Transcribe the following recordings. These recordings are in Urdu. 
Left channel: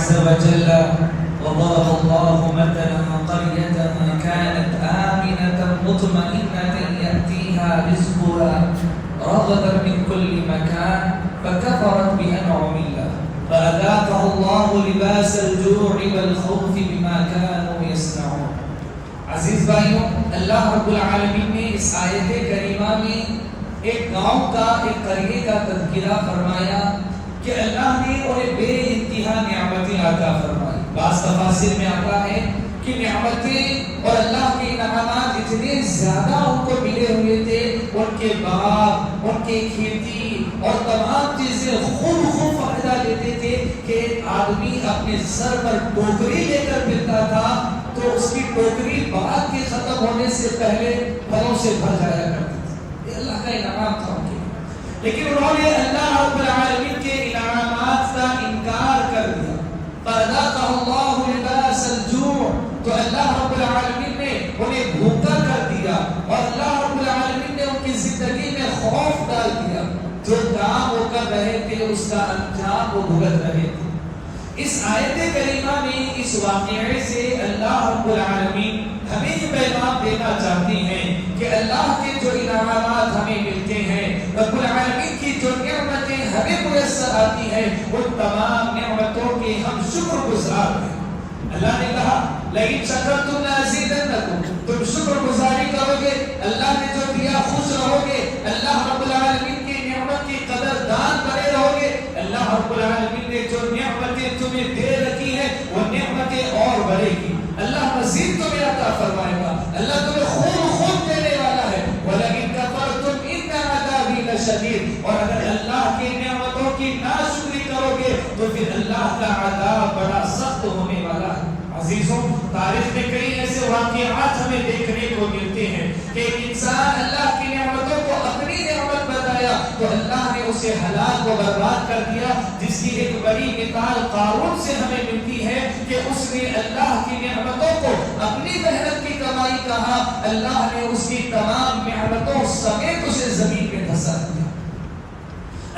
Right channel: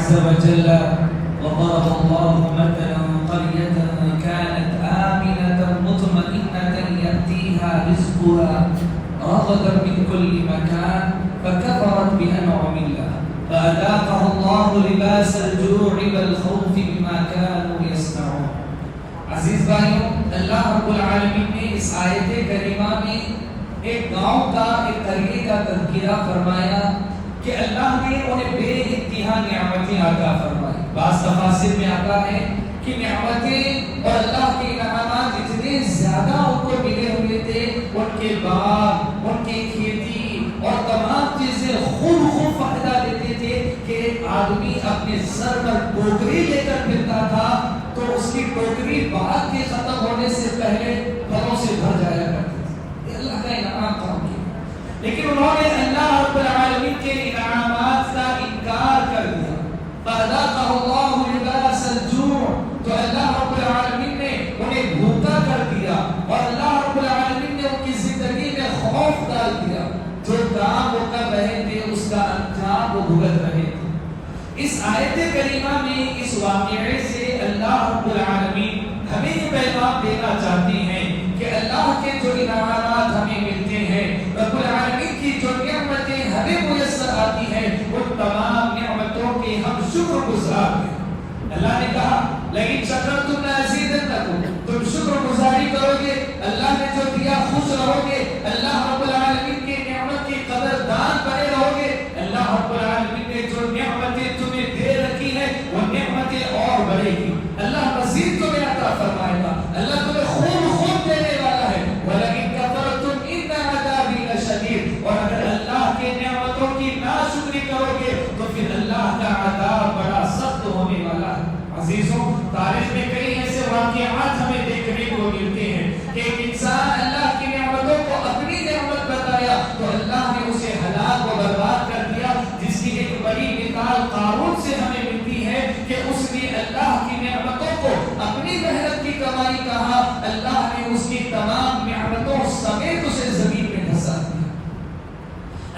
عز وجل وضرب الله مثلا قرية كانت آمنة مطمئنة يأتيها رزقها رغدا من كل مكان فكفرت بأنعم الله فأذاقها الله لباس الجوع والخوف بما كانوا يصنعون. عزیز بھائیوں، اللہ رب العالمین نے اس آیت کریمہ میں ایک گاؤں کا، ایک قریے کا تذکرہ فرمایا کہ اللہ نے انہیں بے انتہا نعمتیں عطا فرمائی. بعض تفاسیر میں آتا ہے کہ نعمتیں اور اللہ کے انعامات اتنے زیادہ ان کو ملے ہوئے تھے، ان کے باغ، ان کی کھیتی اور تمام چیزیں خوب فائدہ لیتے تھے کہ آدمی اپنے سر پر ٹوکری لے کر پھرتا تھا تو اس کی ٹوکری باغ کے ختم ہونے سے پہلے پھلوں سے بھر جایا کرتی تھی. اللہ کا انعام تھا ان کے، لیکن انہوں نے اللہ رب العالمین کے انعامات کا انکار کر دیا. فَأَذَاقَهُ اللَّهُ لِبَاسَ الْجُوعِ، تو اللہ رب العالمین نے انہیں بھوکا کر دیا اور اللہ رب العالمین نے ان کی زندگی میں خوف ڈال دیا. جو کام وہ کر رہے تھے اس کا انجام وہ بھگت رہے تھے. اس آیت کریمہ میں اس واقعے سے اللہ رب العالمین ہمیں یہ پیغام دینا چاہتے ہیں کہ اللہ کے جو انعامات ہمیں ملتے ہیں، رب العالمین کی جو نعمتیں ہمیں میسر آتی ہیں، وہ تمام نعمتوں کے ہم شکر گزار ہیں. اللہ نے کہا لئن شکرتم لأزیدنکم، تم شکر گزاری کرو گے، اللہ نے جو دیا خوش رہو گے، اللہ رب العالمین کی نعمت کی قدر دان کرے رہو گے. اللہ رب العالمین نے جو نعمتیں تمہیں دے رکھی ہیں وہ نعمتیں اور بڑھے گی. اللہ مزید تمہیں عطا فرمائے گا، اللہ تمہیں خوب دینے والا ہے. وَلَئِن كَفَرْتُمْ إِنَّ عَذَابِي لَشَدِيدٌ، اور اگر اللہ کے نعمتوں کی ناشکری کرو گے تو پھر اللہ کا عذاب بڑا سخت ہونے والا ہے. عزیزوں، تاریخ میں کئی ایسے واقعات ہمیں دیکھنے کو ملتے ہیں کہ ایک انسان اللہ کی نعمتوں کو اپنی نعمت بتایا تو اللہ نے اسے ہلاک و برباد کر دیا. جس کی ایک بڑی مثال قارون سے ہمیں ملتی ہے کہ اس نے اللہ کی نعمتوں کو اپنی محنت کی کمائی کہا، اللہ نے اس کی تمام نعمتوں سمیت اسے زمین میں دھسا دیا.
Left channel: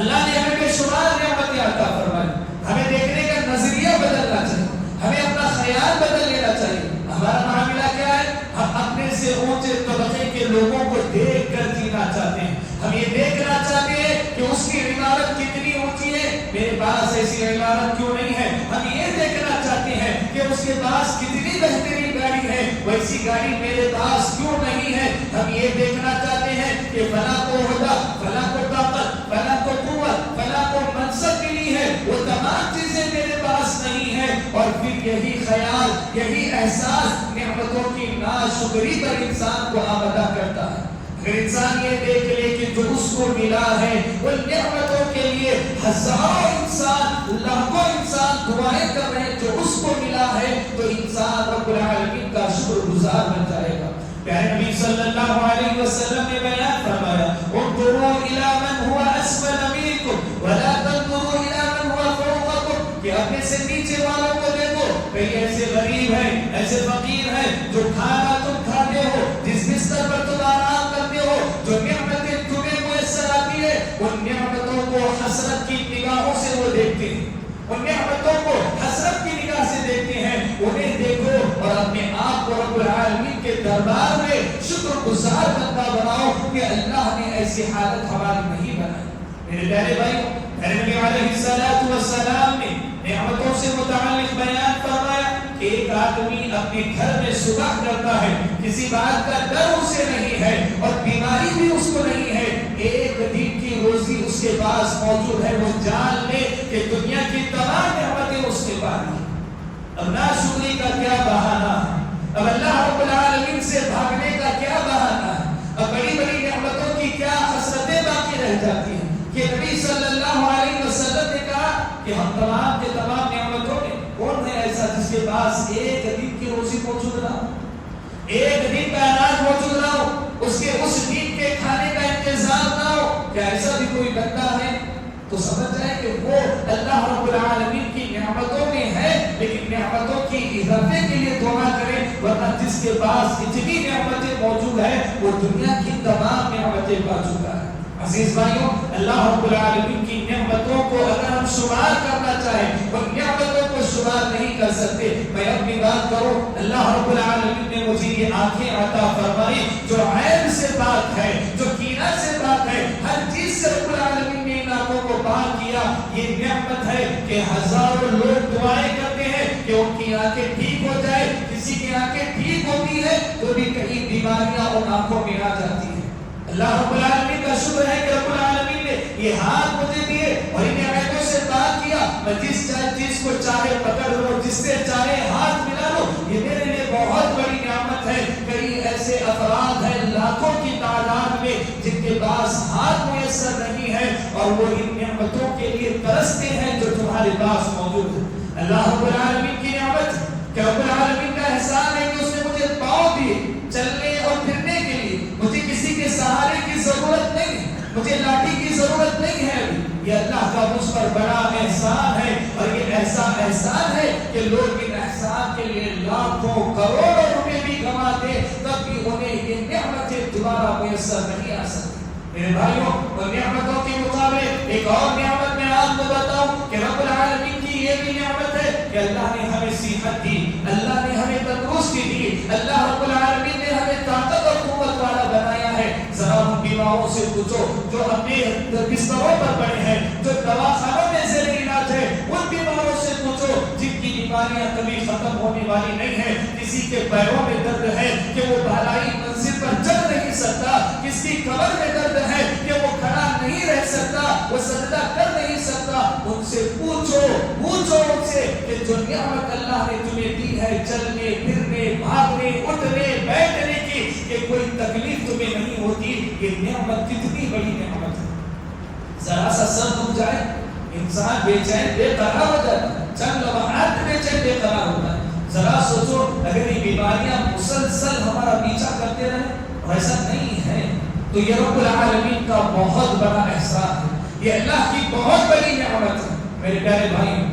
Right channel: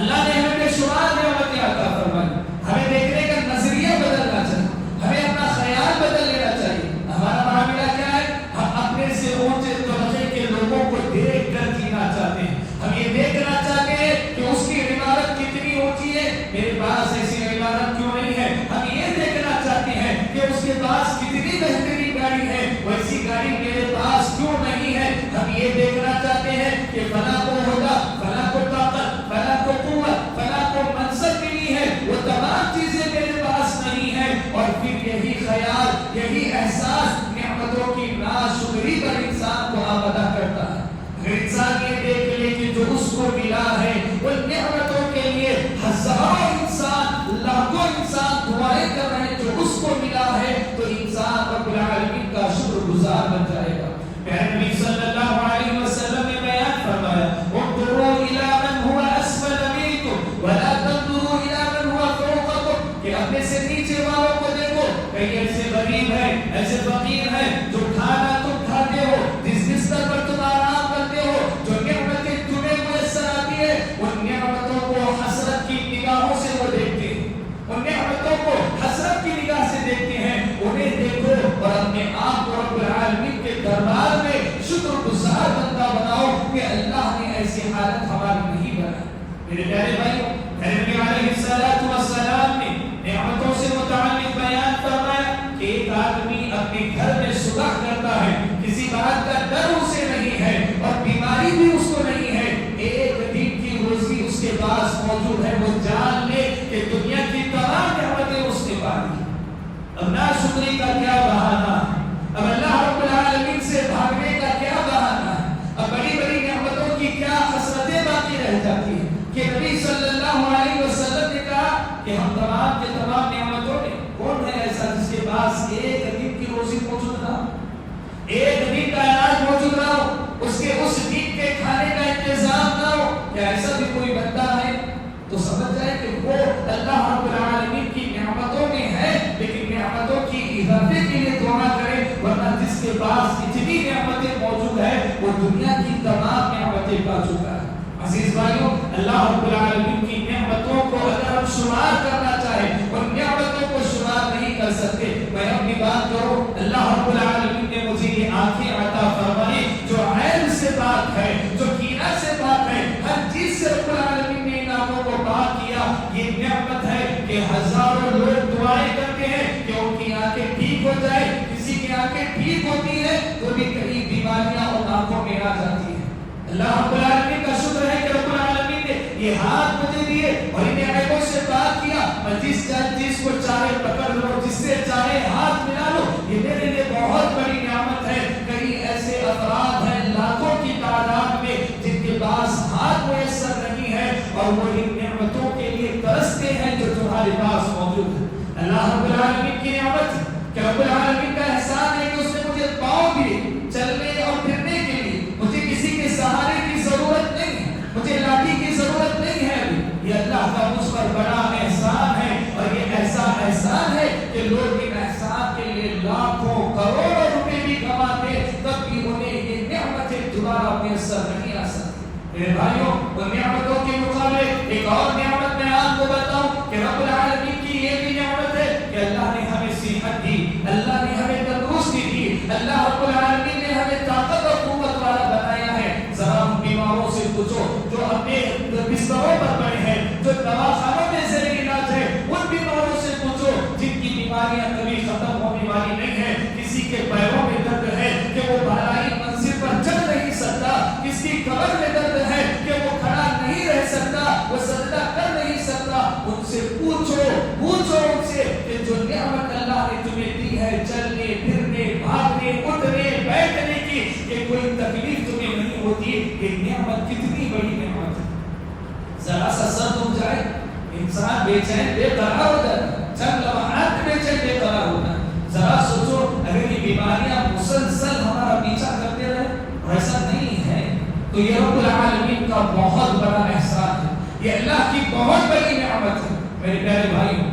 اللہ نے ہمیں بے شمار نعمتیں عطا فرمائی. ہمیں دیکھنے کا نظریہ بدلنا چاہیے، ہمیں اپنا خیال بدل لینا چاہیے. ہمارا معاملہ کیا ہے؟ ہم اپنے سے اونچے طبقے کے لوگوں کو دیکھ کر جینا چاہتے ہیں. ہم یہ دیکھنا چاہتے ہیں کہ اس کی عمارت کتنی اونچی ہے، میرے پاس ایسی عمارت کیوں نہیں ہے. ہم یہ دیکھنا چاہتے ہیں کہ اس کے پاس کتنی بہترین گاڑی ہے، ویسی گاڑی میرے پاس کیوں نہیں ہے. ہم یہ دیکھنا چاہتے ہیں کہ فلاں کو عہدہ، فلاں کو طاقت، فلاں کو قوت، فلاں کو منصب ملی ہے، وہ تمام چیزیں میرے پاس نہیں ہیں. اور پھر یہی خیال، یہی احساس نعمتوں کی ناشکری پر انسان کو آمادہ کرتا ہے. اگر انسان یہ دیکھ لے کہ جو اس کو ملا ہے ان نعمتوں کے لیے ہزاروں انسان، لاکھوں انسان دعائیں کر رہے ہیں جو اس کو ملا ہے، تو انسان رب العالمین کا شکر گزار بن جائے گا. پیارے نبی صلی اللہ علیہ وسلم نے بیان فرمایا انظروا الی من هو اسفل منکم ولا تنظروا الی من هو فوقکم، کہ اپنے سے نیچے والوں کو دیکھو. کئی ایسے غریب ہیں، ایسے فقیر ہیں جو کھانا تم کھاتے ہو، جس بستر پر تم آرام کرتے ہو، جو نعمتیں تمہیں میسر آتی ہے، ان نعمتوں کو حسرت کی نگاہوں سے وہ دیکھتے ہیں. ان نعمتوں کو حسرت کی نگاہ سے دیکھتے ہیں. انہیں دیکھو اور اپنے آپ کو رب العالمین کے دربار میں شکر گزار بندہ بناؤ کہ اللہ نے ایسی حالت ہماری نہیں بنائی. میرے پیارے بھائی، نبی علیہ الصلوۃ والسلام نے نعمتوں سے متعلق بیان فرمایا کہ ایک آدمی اپنے گھر میں صبح کرتا ہے، کسی بات کا ڈر اسے نہیں ہے اور بیماری بھی اس کو نہیں ہے، ایک دن کی روزی اس کے پاس موجود ہے. وہ جان لے کہ دنیا کی تمام نعمتیں اس کے پاس ہیں. اب ناشکری کا کیا بہانہ، اب اللہ رب العالمین سے بھاگنے کا کیا بہانہ، اب بڑی بڑی نعمتوں کی کیا حسرتیں باقی رہ جاتی ہیں. کہ نبی صلی اللہ علیہ وسلم نے کہا کہ ہم تمام کے تمام نعمتوں میں کون ہے ایسا جس کے پاس ایک دن کی روزی موجود نہ ہو، ایک دن کا اناج موجود نہ ہو، اس کے اس دن کے کھانے کا انتظام نہ ہو. کیا ایسا بھی کوئی بندہ ہے؟ تو سمجھ جائے کہ وہ اللہ رب العالمین کی نعمتوں میں ہے، لیکن نعمتوں کی اضافے کے لیے دعا کرے. ورنہ جس کے پاس اتنی نعمتیں موجود ہیں وہ دنیا کی تمام نعمتیں پا چکا ہے. عزیز بھائیوں، اللہ رب العالمین کی نعمتوں کو اگر ہم شمار کرنا چاہیں، ان نعمتوں کو شمار کو پاک کیا. یہ نعمت ہے کہ ہزاروں لوگ دعائیں کرتے ہیں کہ ان کی آنکھیں ٹھیک ہو جائے. کسی کی آنکھیں ٹھیک ہوتی ہے تو بھی کئی بیماریاں ان آنکھوں میں آ جاتی ہیں. اللہ رب العالمین کا شکر ہے کہ رب العالمین نے یہ ہاتھ مجھے دیے اور ان نعمتوں سے پاک کیا. میں جس چیز کو چاہے پکڑ لوں, جس سے چاہے ہاتھ ملا لوں, یہ میرے لیے بہت بڑی نعمت ہے. کئی ایسے افراد ہیں لاکھوں کی تعداد میں جن کے پاس ہاتھ میسر نہیں ہے اور وہ ان نعمتوں کے لیے ترستے ہیں جو تمہارے پاس موجود ہے. اللہ رب العالمین کی نعمت کہ رب العالمین کا احسان ہے کہ اس نے مجھے پاؤں دیے چلنے اور پھرنے کے لیے. مجھے کسی کے سہارے کی ضرورت نہیں, مجھے لاٹھی کی ضرورت نہیں ہے. یہ اللہ کا مجھ پر بڑا احسان ہے اور یہ ایسا احسان ہے کہ لوگ ان احسان کے لیے لاکھوں کروڑوں روپے بھی گنوا دیں تب بھی انہیں یہ نعمتیں دوبارہ میسر نہیں آ سکتی. میرے بھائیوں, ان نعمتوں کے مقابلے ایک اور نعمت میں آپ کو بتاؤں کہ رب العالمین کی یہ بھی نعمت ہے کہ اللہ نے ہمیں صحت دی, اللہ نے ہمیں تندرستی دی, اللہ رب العالمین نے ہمیں طاقت اور قوت والا بنایا ہے. ذرا ہم بیماروں سے پوچھو جو اپنے بستروں پر پڑے ہیں, جو دواخانوں میں زیر علاج ہے, ان بیماروں سے پوچھو جن کی بیماریاں کبھی ختم ہونے والی نہیں ہیں. کسی کے پیروں میں درد ہے کہ وہ بالائی منزل پر چل نہیں سکتا, کسی کی کمر میں درد ہے کہ وہ کھڑا نہیں رہ سکتا, وہ سجدہ کر نہیں سکتا. ان سے پوچھو ان سے کہ جو نعمت اللہ نے تمہیں دی ہے چلنے پھرنے بھاگنے اٹھنے بیٹھنے کی, کہ کوئی تکلیف تمہیں نہیں ہوتی, یہ نعمت کتنی بڑی نعمت ہے. ذرا سا سر دکھ جائے انسان بے چین بے قرار ہو جاتا ہے, چند لمحات میں بے چین بے قرار ہوتا ہے. ذرا سوچو اگر یہ بیماریاں مسلسل ہمارا پیچھا کرتے رہے, ایسا نہیں ہے تو یہ رب العالمین کا بہت بڑا احسان ہے, یہ اللہ کی بہت بڑی نعمت ہے. میرے پیارے بھائیوں,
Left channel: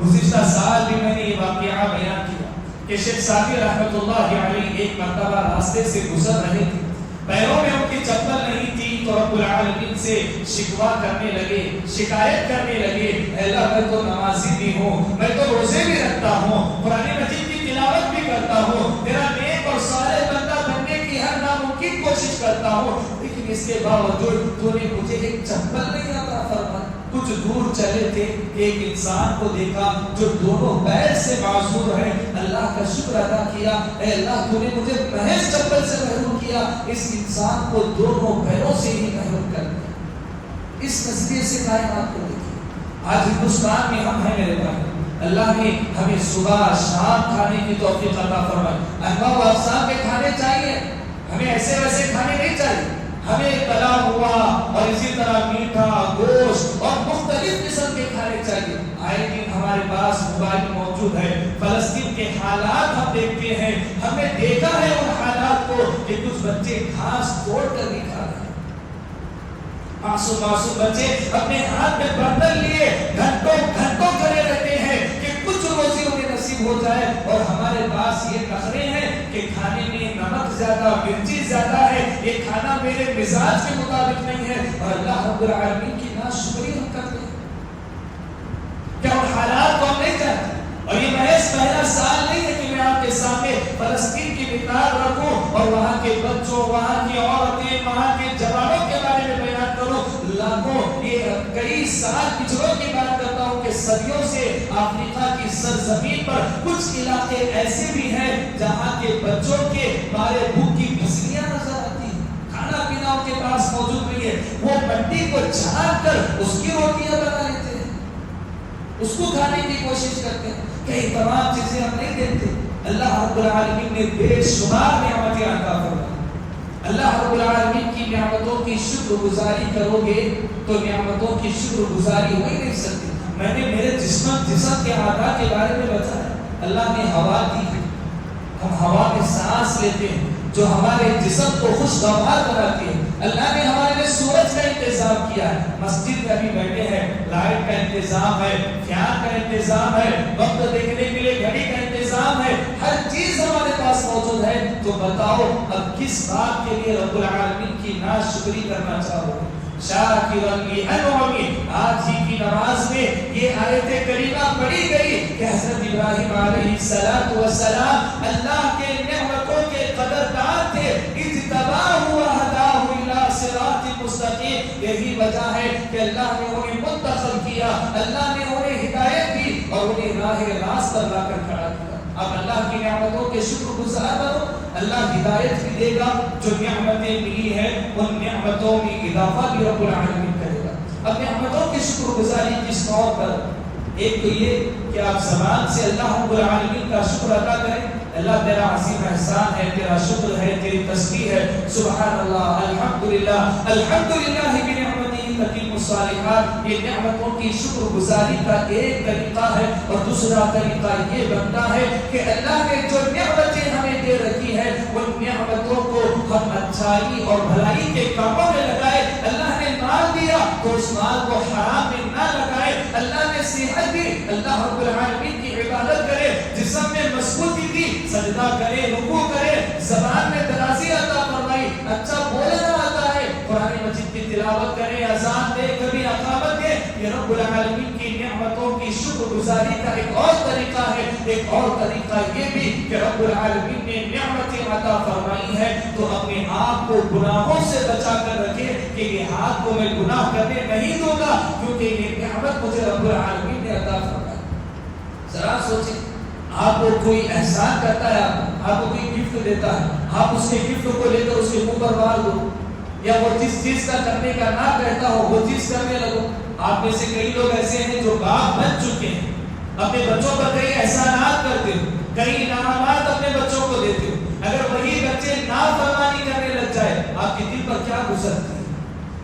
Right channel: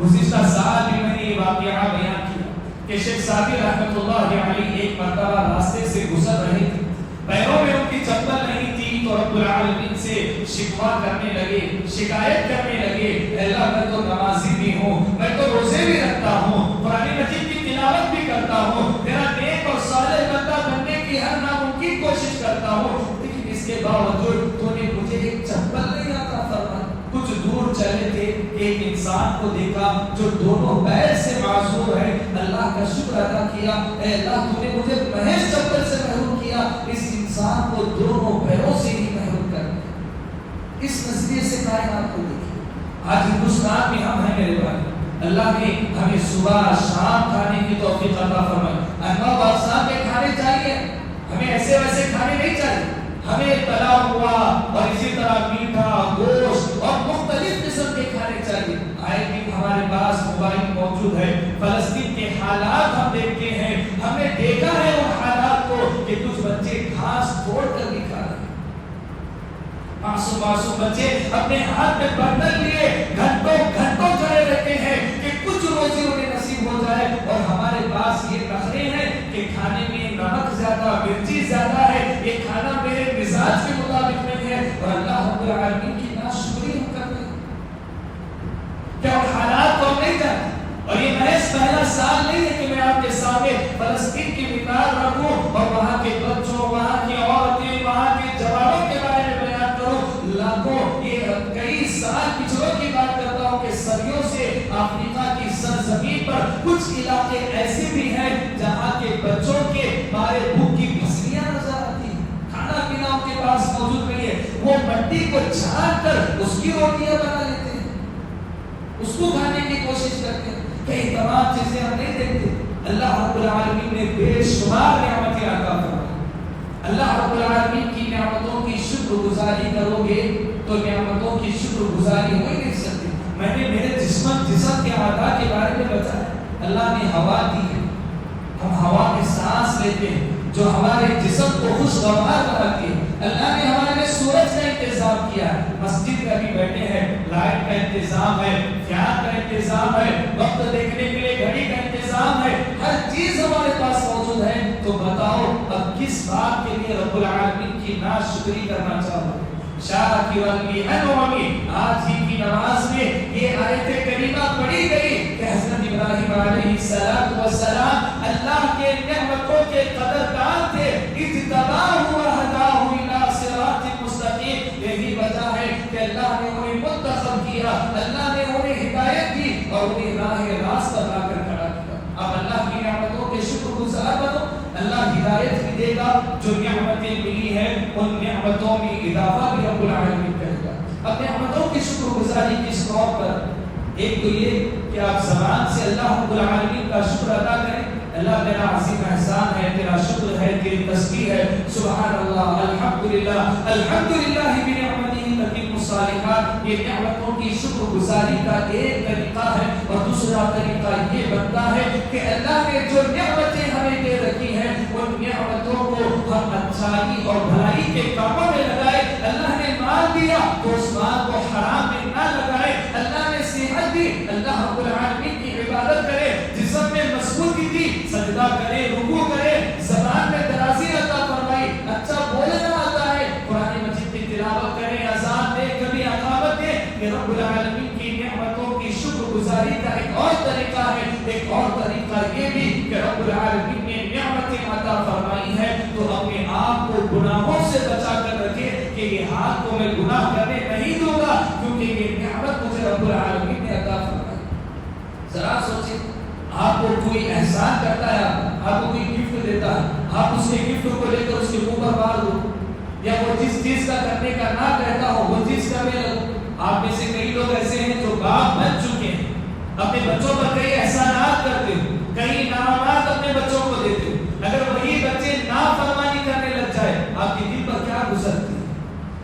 گزشتہ سال بھی میں نے یہ واقعہ بیان کیا کہ شیخ سعدی رحمۃ اللہ علیہ ایک مرتبہ راستے سے گزر رہے تھے, پیروں میں ان کی چپل نہیں تھی تو رب العالمین سے شکوہ کرنے لگے, شکایت کرنے لگے, اللہ میں تو نمازی بھی ہوں, میں تو روزے بھی رکھتا ہوں, قرآن مجید کی تلاوت بھی کرتا ہوں, میرا نیک اور صالح بندہ بننے کی ہر ناممکن کوشش کرتا ہوں, لیکن اس کے باوجود تو نے مجھے ایک چپل نہیں عطا فرمائی. کچھ دور چلے تھے, ایک انسان کو دیکھا جو دونوں پیر سے معذور ہے, اللہ کا شکر ادا کیا, اے اللہ تو نے مجھے محض چپل سے محروم کیا, اس انسان کو دونوں پیروں سے ہی محروم کر دیا. اس نظریے سے کائنات کو دیکھیں. آج ہندوستان میں ہم ہیں میرے بھائی, اللہ نے ہمیں صبح شام کھانے کی توفیق عطا فرمائی. انواع و اقسام کے کھانے چاہیے, ہمیں ایسے ویسے کھانے نہیں چاہیے, ہمیں تلا ہوا اور اسی طرح میٹھا گوشت اور مختلف قسم کے کھانے چاہیے. آئے دن ہمارے پاس موبائل موجود ہے, فلسطین کے حالات ہم دیکھتے ہیں, ہم نے دیکھا ہے ان حالات کو کہ کچھ بچے گھاس توڑ کر بھی کھا رہے ہیں. معصوم بچے اپنے ہاتھ میں برتن لیے گھنٹوں کھڑے رہتے ہیں کہ کچھ روزی انہیں نصیب ہو جائے, اور ہمارے پاس یہ نخرے ہیں کہ کھانے میں نمک زیادہ, مرچی زیادہ ہے, یہ کھانا میرے مزاج کے مطابق نہیں ہے, اور اللہ رب العالمین کی ناشکری ہم کرتے ہیں. کیا ان حالات کو ہم نہیں جانتے؟ اور یہ محض پہلا سال نہیں ہے کہ میں آپ کے سامنے فلسطین کی مثال رکھوں اور وہاں کے بچوں, وہاں کی عورتیں, وہاں کے جوانوں کے بارے میں بیان کروں. لاکھوں, یہ کئی سال پچھلوں کی بات کرتا ہوں کہ صدیوں سے افریقہ کی سرزمین پر کچھ علاقے ایسے بھی ہیں جہاں کے بچوں کے مارے بھوک کی پسلیاں نظر آتی ہیں, کھانا پینا ان کے پاس موجود نہیں ہے, وہ مٹی کو چھان کر اس کی روٹیاں بنا لیتے ہیں, اس کو کھانے کی کوشش کرتے ہیں. کئی تمام چیزیں ہم نہیں دیکھتے. اللہ رب العالمین نے بے شمار نعمتیں عطا فرمائی. اللہ رب العالمین کی نعمتوں کی شکر گزاری کرو گے تو نعمتوں کی شکر گزاری ہو ہی نہیں سکتی. میں نے میرے جسم کے اعضاء کے بارے میں بتایا, اللہ نے ہوا دی ہے, ہم ہوا میں سانس لیتے ہیں جو ہمارے جسم کو خوشگوار بناتی ہے. اللہ نے ہمارے لیے سورج کا انتظام کیا ہے, مسجد میں بھی بیٹھے ہیں, لائٹ کا انتظام ہے, فین کا انتظام ہے, وقت دیکھنے کے لیے گھڑی کا انتظام ہے, ہر چیز ہمارے پاس موجود ہے. تو بتاؤ اب کس بات کے لیے رب العالمین کی ناشکری کرنا چاہو گے؟ شاکرا لانعمہ. آج ہی کی نماز میں یہ آیت کریمہ پڑھی گئی کہ حضرت ابراہیم علیہ السلام اللہ کے نعمتوں کے قدردان تھے. اجتباہ و ہداہ الی صراط مستقیم. یہی وجہ ہے کہ اللہ نے انہیں دے گا، جو نعمتیں ملی ہیں ان نعمتوں میں اضافہ بھی رب العالمین کرے گا۔ اب نعمتوں کی شکر گزاری کس طور پر؟ ایک تو یہ کہ آپ زبان سے اللہ رب العالمین کا شکر ادا کریں، اللہ تیرا عظیم احسان ہے، تیرا شکر ہے، تیری تسبیح ہے، سبحان اللہ، الحمدللہ، الحمدللہ بنعمتہ تتم الصالحات۔ یہ نعمتوں کی شکر گزاری کا ایک طریقہ ہے، اور دوسرا طریقہ یہ بنتا ہے کہ اللہ نے جو نعمتیں ہمیں دے رکھی ہیں ان نعمتوں کو ہم اچھائی اور بھلائی کے کاموں میں لگائے۔ اللہ نے مال دیا تو اس مال کو حرام میں نہ لگائے، اللہ نے صحت دی، اللہ رب العالمین کی عبادت کرے، جسم میں مضبوطی دی، سجدہ کرے، رکوع کرے، زبان میں درازی عطا فرمائی، اچھا بولنا آتا ہے، قرآن مجید کی تلاوت کرے، اذان دے، کبھی اقامت دے۔ یہ رب العالمین کی نعمتوں کی شکر گزاری کا ایک اور طریقہ ہے۔ ایک اور طریقہ یہ بھی کہ رب العالمین نے نعمتیں عطا فرمائی ہے تو اپنے آپ کو گناہوں سے بچا کر رکھے کہ یہ ہاتھ کو میں گناہ کرنے نہیں دوں گا، کیونکہ یہ نعمت مجھے رب العالمین نے عطا فرمائی۔ ذرا سوچیں، آپ کو کوئی احسان کرتا ہے، آپ کو کوئی گفٹ دیتا ہے، آپ اس کے گفٹ کو لے کر اس کے منہ پر مار دو، یا وہ جس چیز کا کرنے کا نہ کہتا ہو وہ چیز کرنے لگو۔ آپ میں سے کئی لوگ ایسے ہیں جو باپ بن چکے ہیں، اپنے بچوں پر کئی احسانات کرتے ہو، کئی انعامات اپنے بچوں کو دیتے ہو، اگر وہی بچے نافرمانی کرنے لگ جائے آپ کے دل پر کیا گزرتی ہے؟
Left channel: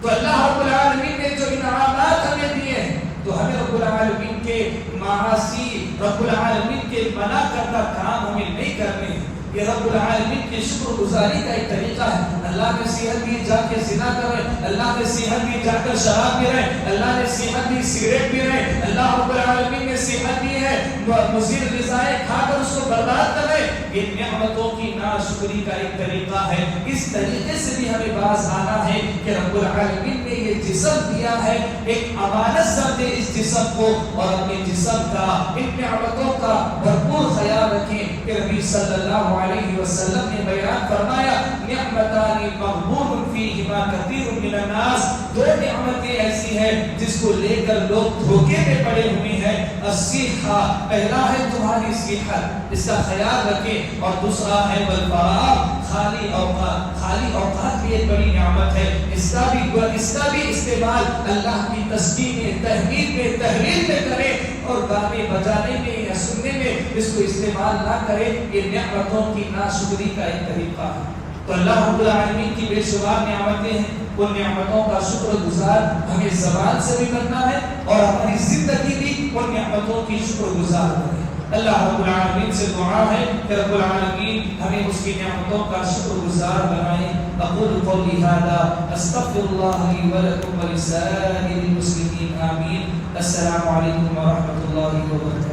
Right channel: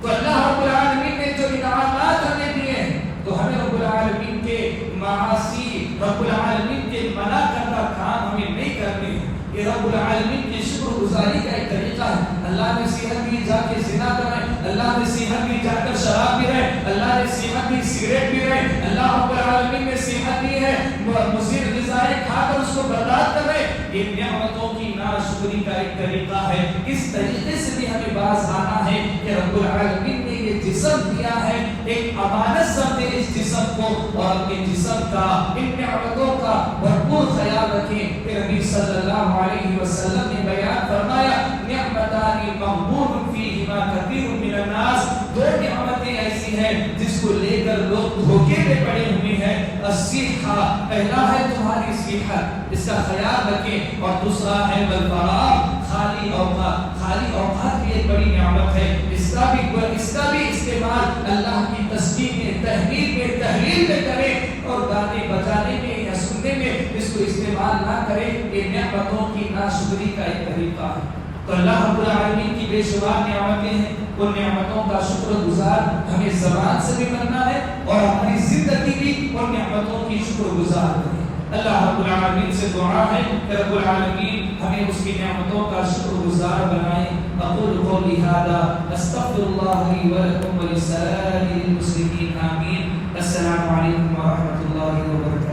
تو اللہ رب العالمین نے جو انعامات ہمیں دیے ہیں تو ہمیں رب العالمین کے معاصی، رب العالمین کے منع کردہ کام ہمیں نہیں کرنے ہیں۔ یہ رب العالمین کی شکر گزاری کا ایک طریقہ ہے۔ اللہ نے صحت دی، جا کے زنا کریں، اللہ نے صحت دی، جا کر شراب پی رہے، اللہ نے صحت دی، سگریٹ پی رہے، اللہ رب العالمین نے صحت دی ہے، مضر غذائیں کھا کر اس کو برباد کر رہے۔ یہ نعمتوں کی ناشکری کا ایک طریقہ ہے۔ اس طریقے سے بھی ہمیں باز آنا ہے کہ رب العالمین نے یہ جسم دیا ہے، ایک امانت سمجھے اس جسم کو، اور اپنے جسم کا، ان نعمتوں کا بھرپور خیال رکھیں۔ کہ نبی صلی اللہ علیہ وسلم نے بیان فرمایا، نعمتان مغبون فیہما کثیر من الناس، دو نعمتیں ایسی ہیں جس کو لے کر لوگ دھوکے میں پڑے ہوئے ہیں۔ الصحہ، پہلا ہے تمہاری صحت، اس کا خیال رکھیں، اور دوسرا ہے والفراغ، خالی اوقات۔ خالی اوقات بھی ایک بڑی نعمت ہے، اس کا بھی استعمال اللہ کی تسبیح میں، تحمید میں، تحلیل میں کریں، اور گانے بجانے میں یا سننے میں اس کو استعمال نہ کریں۔ یہ نعمتوں کی ناشکری کا ایک طریقہ ہے۔ تو اللہ رب العالمین کی بے شمار نعمتیں ہیں، ان نعمتوں کا شکر گزار ہمیں زبان سے بھی کرنا ہے، اور ہماری زندگی بھی ان نعمتوں کی شکر گزار کرے۔ اللہ رب العالمین سے دعا ہے کہ رب العالمین ہمیں اس کی نعمتوں کا شکر گزار بنائے۔ اقول قولی ھذا استغفر اللہ لی ولکم ولسائر المسلمین، آمین۔ السلام علیکم ورحمۃ اللہ وبرکاتہ۔